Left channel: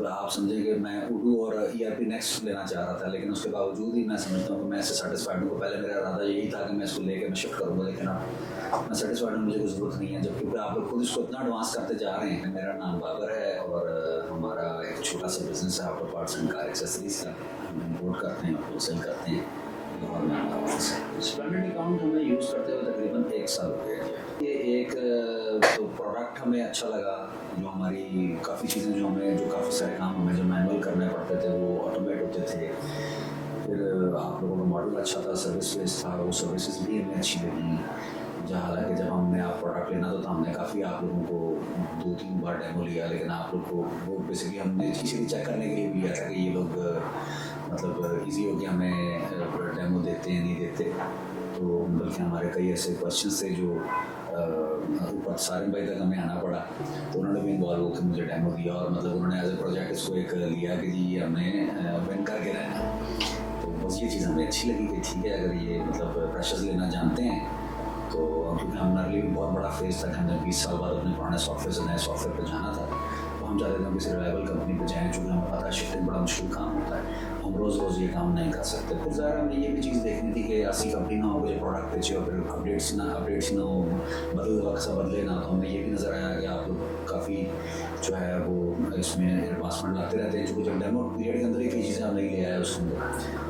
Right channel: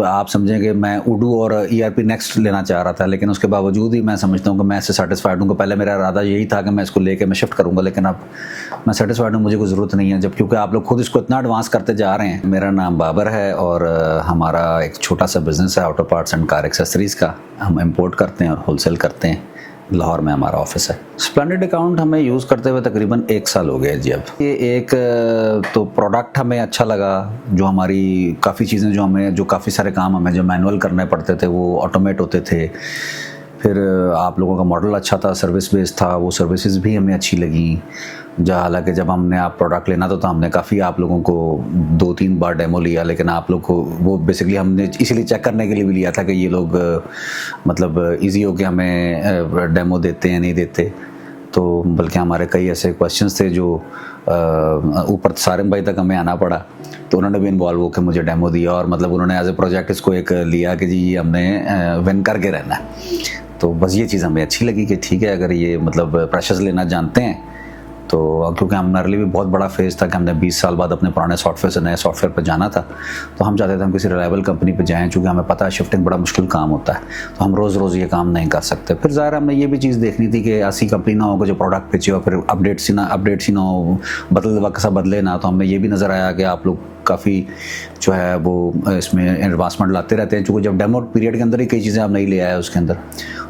आप समझें कि मैं उडू और ERP नेक्स्ट लेना चाह रहा था, लेकिन उसके बावजूद ही मैं समझता हूँ कि मैं इससे सेटिस्फाइड हूँ। पहले मेरा इरादा यही था कि मैं इसको लेके मैं शिफ्ट करूँगा, लेकिन अब मैं सेटिस्फाइड हूँ, मुझे कोई ज़रूरत नहीं है, जब क्योंकि आप लोग खुद इसको इतना एडवांस करते जा रहे हैं। मेरा नाम बाबर है और हमारा एक छोटा सा बिज़नेस है auto parts and car accessories का। हम इम्पोर्ट करते हैं और होलसेल करते हैं। लाहौर में हमारा ऑफिस है। स्प्लेंडिड अकाउंट हमें यूज़ करते हुए तकरीबन 1 साल हो गया जी। अब ये एक तो प्रोडक्ट हमें अच्छा लगा, जो हमारी काफ़ी चीज़ें जो काफ़ी सारे काम हमें जो मैनुअल करने पड़ते थे वो ऑटोमेट होते थे। फिर आप लोगों का मॉडल अच्छा था, सर्विस बेस्ड था, वो सर्विसेज भी हमें अच्छी लगी। हालांकि जब हमने आप प्रोडक्ट लेना तो हमने काफ़ी आप लोगों को 2-3 बार डेमो लिया, लेकिन आप लोग को वो बेसिकली हमने इसीलिए चेक करने के लिए भी लिया था कि ये लोग मतलब इजी हो के हमें डेमो देते हैं नहीं देते। तो बल्कि हमारे कई ऐसे क्वेश्चंस थे जो ऊपर सारिम भाई तक हमें आना पड़ा, तो उन्होंने भी इन्वॉल्व होकर मुझे डेमो दिया और मतलब उन्होंने एज ए प्रोजेक्ट इसको एक लिया कि जी ये हमने विन करके रहना है। तो बस ये चीज़ हमें अच्छी लगी कि ठीक है, अगर ये मतलब प्रेशर्स लेना जानते हैं तो, क्योंकि हमारे लिए भी बहुत बड़ा फेज़ था कि हमने 20 साल बाद अपने पुराने सॉफ्टवेयर से नए सॉफ्टवेयर पर जाना था। तो हम चाहते थे हम किसी रिलायबल कंपनी पे जाएं, चूँकि हमें पता है शिफ्टिंग बड़ा मुश्किल काम होता है, तो हम रोज़ रोज़ ये काम नहीं कर सकते। फिर ज़ाहिर हमने ये भी चीज़ देखनी थी कि ऐसी कंपनी ना हो जो प्रोडक्ट बेचे और फिर अपडेट्स ही ना हो, बदल वक्त सा बदले ना। तो हमें ये भी नज़र आया कि आप लोग काफ़ी जो है वो इसमें एडवांसमेंट लाते रहते हैं, चूँकि जब डेमो पीरियड के अंदर ही कई चीज़ें आप नहीं ले आए उसके अंदर,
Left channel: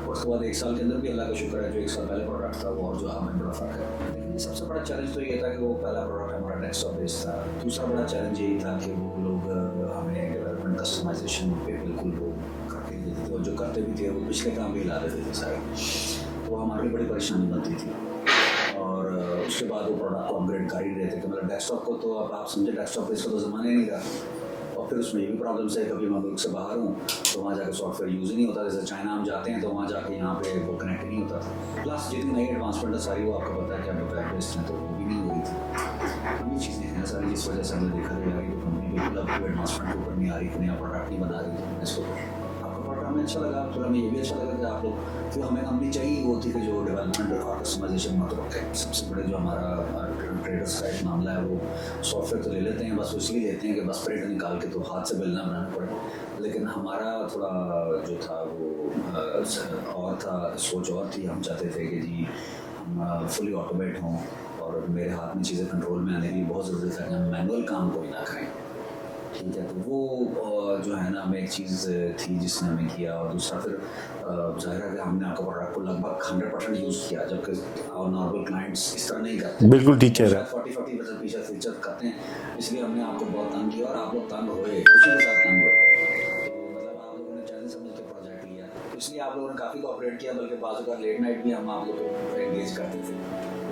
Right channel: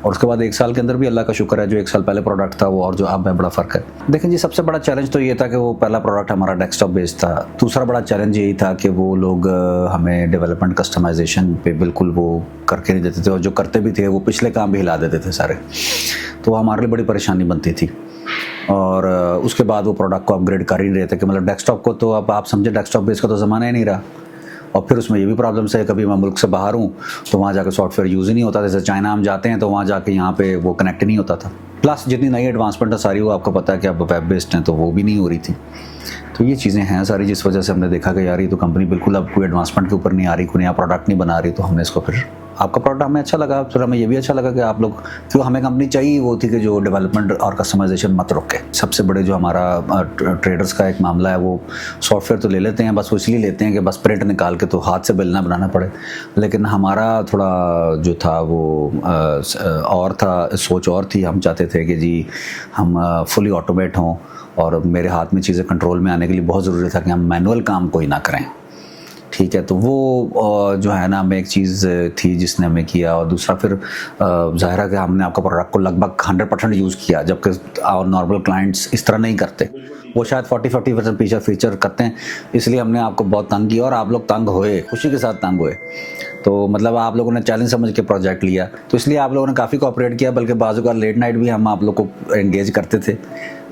और उसके बाद 1 साल के अंदर भी अल्लाह का शुक्र है जो 1 साल पहले प्रोडक्ट था वो और जो अब है बड़ा फ़र्क है। देखें जी, सबसे बड़ा चैलेंज तो ये था कि वो पहला प्रोडक्ट हमारा डेस्कटॉप बेस्ड था। दूसरा बड़ा चैलेंज यही था कि वो लोग हमें डेवलपमेंट कस्टमाइजेशन पे बिल्कुल वो करके नहीं देते थे, और जो करते भी थे वो पिछले काम भी हिला देते थे सारे। तो हमारे लिए बड़ी परेशानी बनती थी। और उसके बाद वो प्रोडक्ट को अपग्रेड कर ही नहीं रहे थे कि मतलब डेस्कटॉप को तो अब आप समझे डेस्कटॉप बेस का तो ज़माना ही नहीं रहा। और फिर उसमें ये भी प्रॉब्लम्स है, कभी मैं मुल्क से बाहर हूँ तो वहाँ जाकर सॉफ्टवेयर यूज़ ही नहीं होता। जैसे चाइना हम जाते हैं तो वहाँ जाके यहाँ पे वो कनेक्ट नहीं होता था। प्लस जितनी नई एडवांसमेंट है सारी वो आपको पता है कि अब वेब बेस्ड हैं, तो वो भी नहीं हो रही थी। तो ये चीज़ें हैं सारी, जिस वजह से हमने देखा कि यार ये तो कंपनी बिल्कुल अब कोई एडवांसमेंट के ऊपर नहीं आ रही, कोई नया प्रोडक्ट नहीं बना रही। तो हमने इसको फिर आपका प्रोडक्ट हमें अच्छा लगा, फिर हमें ये भी अच्छा लगा कि आप लोग, क्यों हमें कंपनी चाहिए वो थी कि जो डेवलपमेंट और कस्टमाइजेशन मत रोके। सबसे बड़े जो हमारा ट्रेडर्स का एक मामला है, वो सॉफ्टवेयर तो ले लेते हैं, बस वो इसलिए लेते हैं कि बस प्रिंट निकाल के तो हाथ से बिल ना बनाना पड़े। लेकिन हमारा थोड़ा जो था वो और था, सोच और थी। हम चाहते थे कि जी हम फुली ऑटोमेट हों, और मेरे हाथ में चीज़ें कंट्रोल में आने के लिए बहुत ज़रूरी था कि हम मैनुअल काम कोई ना करें। ठीक है, तो वो जो है ना हमें एक चीज़ थी जिसने हमें किया। और दूसरा फिर ज़ाहिर है कि हमने आपका प्रोडक्ट को लगभग 100% यूज़ किया, जबकि नॉर्मल क्लाइंट्स इस तरह नहीं करते। बिल्कुल ठीक है, वो शायद 40-50% फीचर करते हैं, इसलिए हमने आपको बहुत तंग किया और आप लोग तंग हुए, खुशी के साथ तंग हुए। तो मतलब आप लोगों ने चैलेंज समझ के प्रोजेक्ट लिया, तो इसलिए आप लोगों ने काफ़ी कोऑपरेट किया। बल्कि बाजू का लेट नाइट भी हम आप लोग को एंगेज करते थे,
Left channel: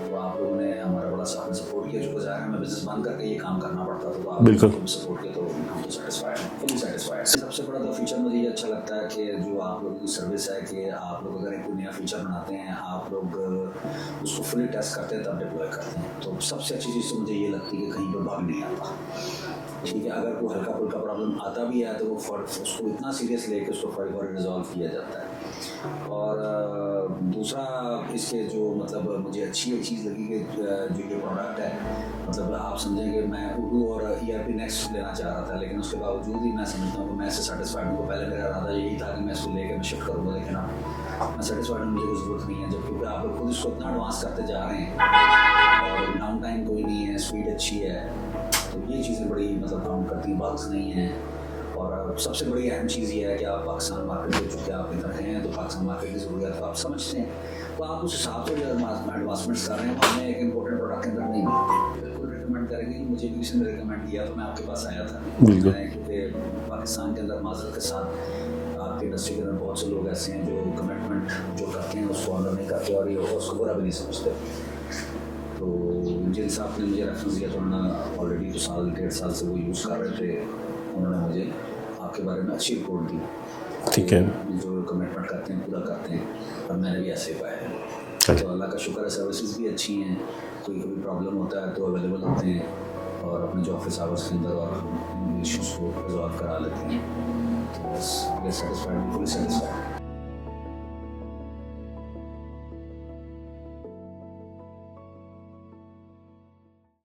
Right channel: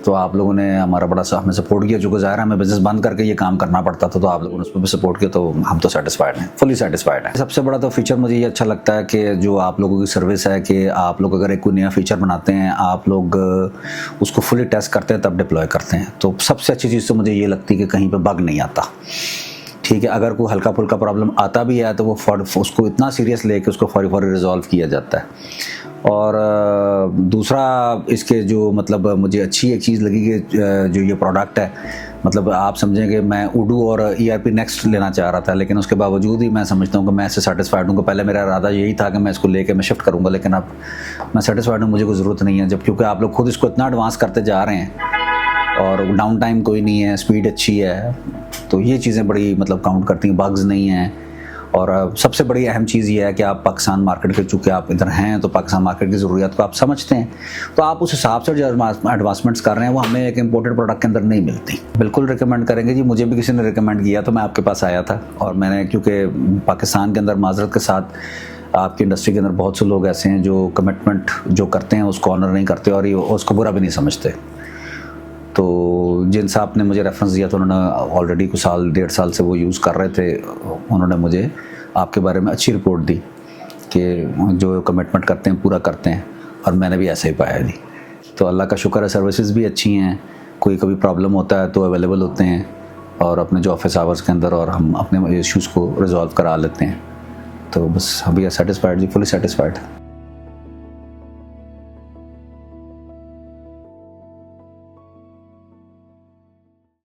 तो आप लोगों ने हमारा बड़ा सा हमें सपोर्ट किया। चूँकि ज़ाहिर है हमें बिजनेस बंद करके ये काम करना पड़ता था, तो आप लोगों ने भी सपोर्ट किया, तो हम तो सेटिस्फाइड हैं, फुली सेटिस्फाइड हैं। सबसे बड़ा तो फीचर मुझे ये अच्छा लगता है कि जो आप लोगों की सर्विस है, कि आप लोग अगर एक कोई नया फीचर बनाते हैं, आप लोग उसको फुली टेस्ट करते हैं तब डिप्लॉय करते हैं। तो सबसे अच्छी चीज़ तो मुझे ये लगती है कि कहीं पर बग नहीं आता। ठीक है, अगर कोई हल्का फुल्का प्रॉब्लम आता भी है तो वो उसको इतना सीरियस लेके उसको फौरी रिजॉल्व किया जाता है। और दूसरा इसके जो मतलब मुझे अच्छी एक चीज़ लगी कि जो ये प्रोडक्ट है, मतलब आप समझें कि मैं उडू और ERP नेक्स्ट लेना चाह रहा था, लेकिन उसके बावजूद ही मैं समझता हूँ कि मैं इससे सेटिस्फाइड हूँ। पहले मेरा इरादा यही था कि मैं इसको लेके मैं शिफ्ट करूँगा, लेकिन अब मैं सेटिस्फाइड हूँ, मुझे कोई ज़रूरत नहीं है, जब क्योंकि आप लोग खुद इसको इतना एडवांस करते जा रहे हैं और डाउन टाइम कोई नहीं है, स्पीड अच्छी है। तो ये चीज़ें बड़ी मतलब काउंट करती हैं, बग्स नहीं हैं। और सबसे बड़ी अहम चीज़ ये है कि आप पाकिस्तान मार्केट के, चूँकि आप इधर हैं तो पाकिस्तान मार्केट की ज़रूरियात को आप समझते हैं, तो आप उस हिसाब से जो एडवांसमेंट्स कर रहे हैं वो हमें एक इम्पोर्टेड प्रोडक्ट के अंदर नहीं मिलती। बिल्कुल रिकमेंड करेंगे जी, मुझे भी किसी ने रिकमेंड किया तो मैं आपके पास आया था। और मैंने, क्योंकि पाकिस्तान के अंदर माजरत के साथ आपकी इंडस्ट्री के अंदर बहुत से लोग ऐसे हैं जो कमिटमेंट जो करते हैं उसको ऑनर नहीं करते और उसको बुरा भी नहीं समझते। तो जिन साहब ने मुझे रेफरेंस दिया तो उन्होंने ऑलरेडी कुछ साल 1.5 साल से वो यूज़ कर रहे थे, उन्होंने मुझे आपके बारे में अच्छी रिपोर्ट दी कि जो कमिटमेंट करते हैं पूरा करते हैं, और मैंने भी ऐसे ही पाया जी। तो अल्लाह का शुक्र है, सर्विसेज भी अच्छी हैं, कोई कभी प्रॉब्लम होता है तो अवेलेबल होते हैं और अपने जो ऑफिस आवर्स के अंदर, और हम अपने इश्यूज़ को रिजॉल्व करा लेते हैं। तो बस अभी सेटिस्फाइड जी, फुली सेटिस्फाइड।